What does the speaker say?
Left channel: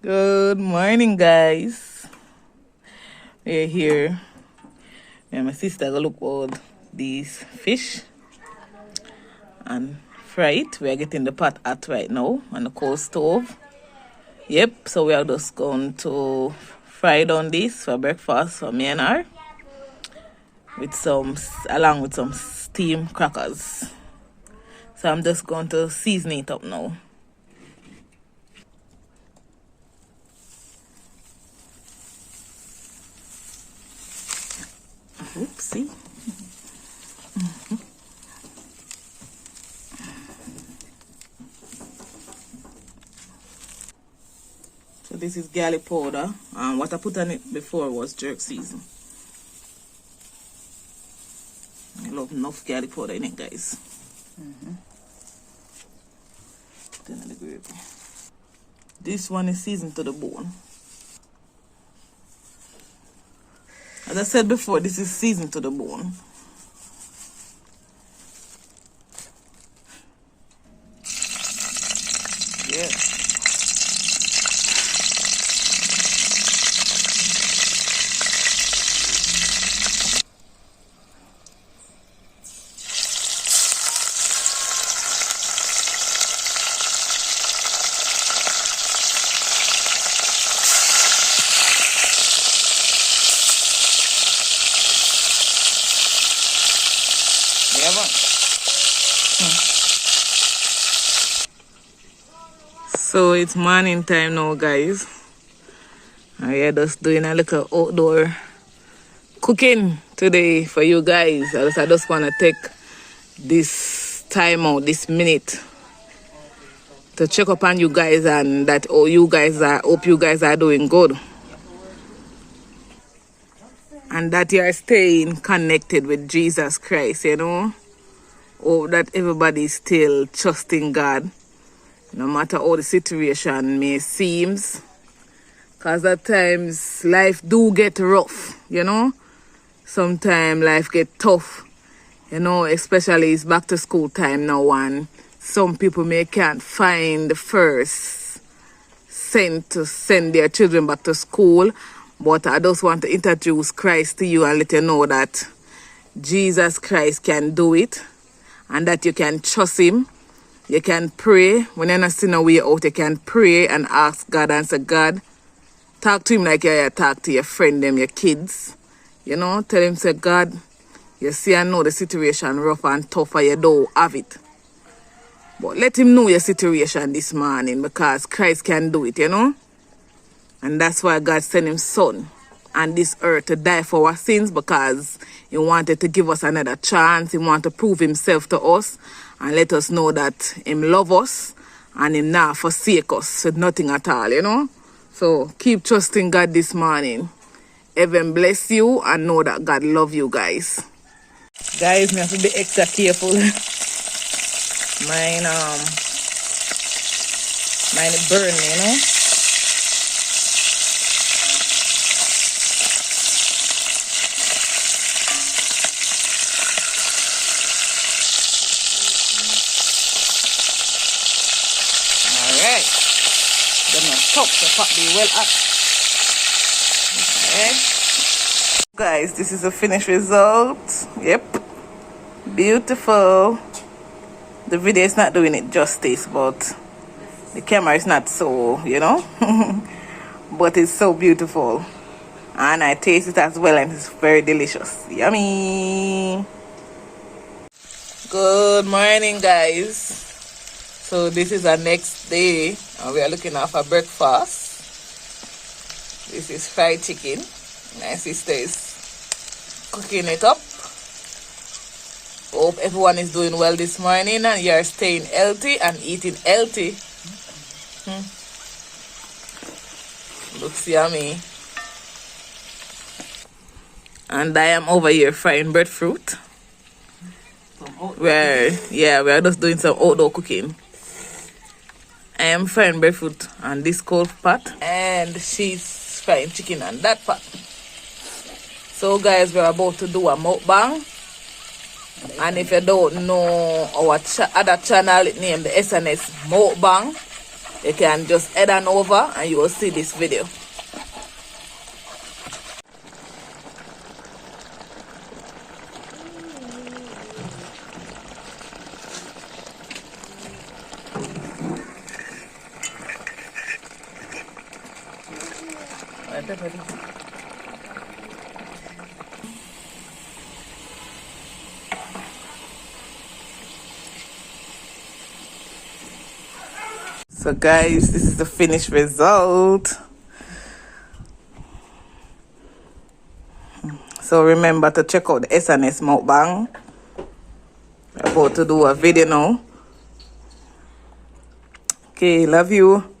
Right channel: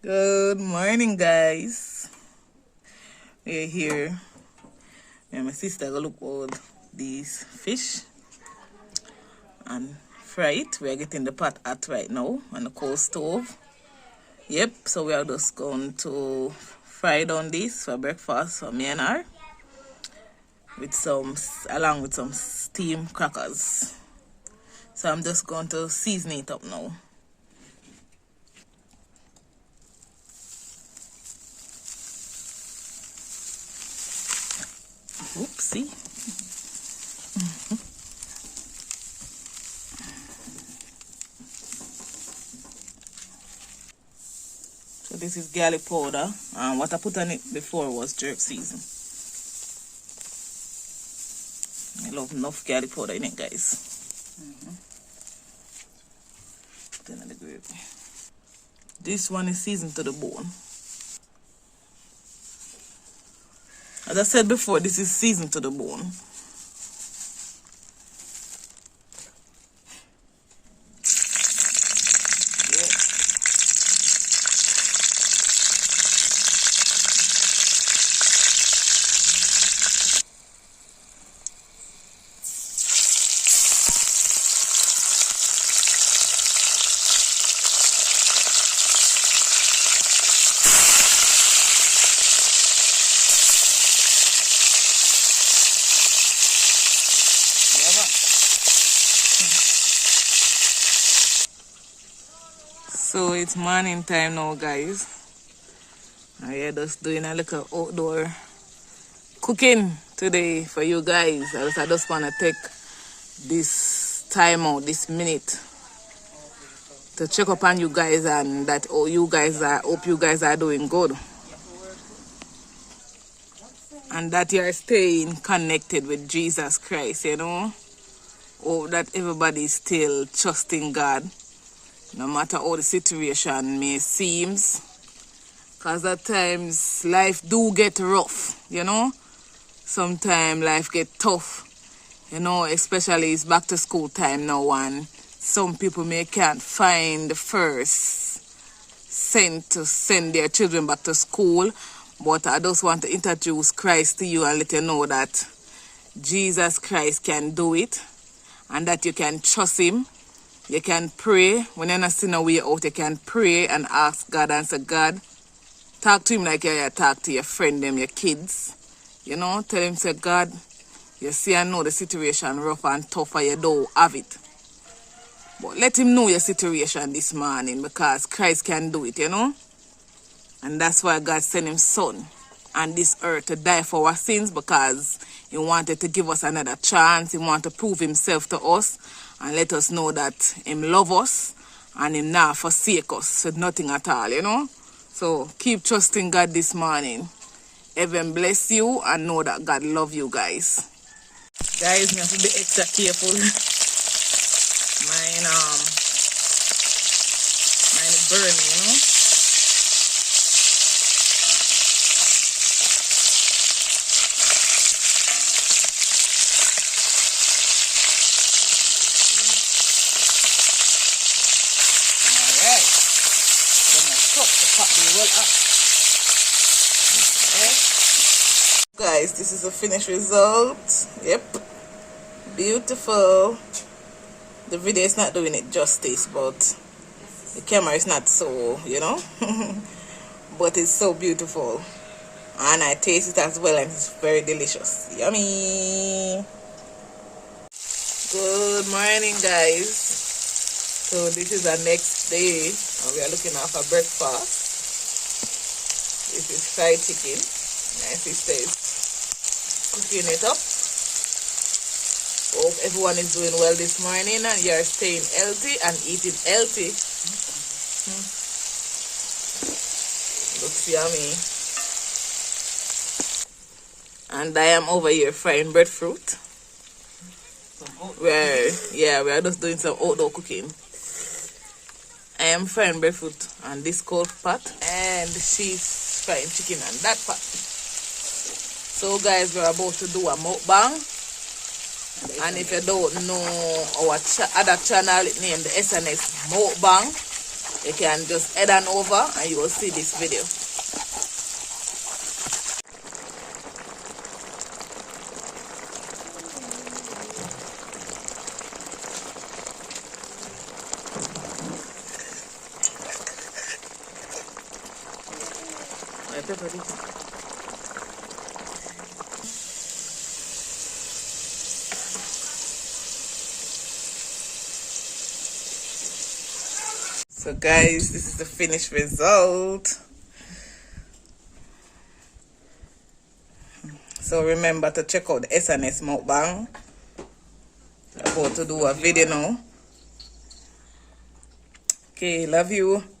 Good morning, guys. We're here. Me and my sister go look all these fish and fry it. We are getting the pot hot right now on the coal stove. Yep, so we are just going to fry down this for breakfast for me and her with along with some steamed crackers. So I'm just going to season it up now. Oopsie. So this is garlic powder. What I put on it before was jerk season. I love enough garlic powder in it, guys. Put it on the gravy. This one is seasoned to the bone. As I said before, this is seasoned to the bone. Yeah. So it's morning time now, guys. And we are just doing a little outdoor cooking today for you guys. I just want to take this time out, this minute, to check up on you guys and that hope you guys are doing good. And that you are staying connected with Jesus Christ, you know. Hope that everybody is still trusting God, no matter how the situation may seems. Because at times life do get rough, you know. Sometimes life get tough, you know, especially it's back to school time now and some people may can't find the first cent to send their children back to school. But I just want to introduce Christ to you and let you know that Jesus Christ can do it and that you can trust him. You can pray. When you're not seeing a way out, you can pray and ask God and say, God, talk to him like you talk to your friend, them, your kids. You know, tell him, say, God, you see, I know the situation rough and tough and you don't have it. But let him know your situation this morning because Christ can do it, you know. And that's why God sent his son on this earth to die for our sins because he wanted to give us another chance. He wanted to prove himself to us and let us know that him love us and him not forsake us with nothing at all, you know. So keep trusting God this morning. Heaven bless you and know that God love you guys. Guys, me have to be extra careful. Mine burn, you know. Alright. Gonna top the pot be well up. Okay. Guys, this is the finished result. Yep. Beautiful. The video is not doing it justice, but the camera is not so, you know. But it's so beautiful. And I taste it as well and it's very delicious. Yummy. Good morning, guys. So this is our next day and we are looking out for breakfast. This is fried chicken. My sister is cooking it up. Hope everyone is doing well this morning and you are staying healthy and eating healthy. Looks yummy. And I am over here frying breadfruit. We are just doing some outdoor cooking. I am frying breadfruit on this cold pot and she's frying chicken on that pot. So guys, we're about to do a mukbang. And if you don't know our other channel, it named the SNS Mukbang. you can just head on over and you will see this video. So guys, this is the finished result. So remember to check out the SNS mukbang. We're about to do a video now. Okay, love you.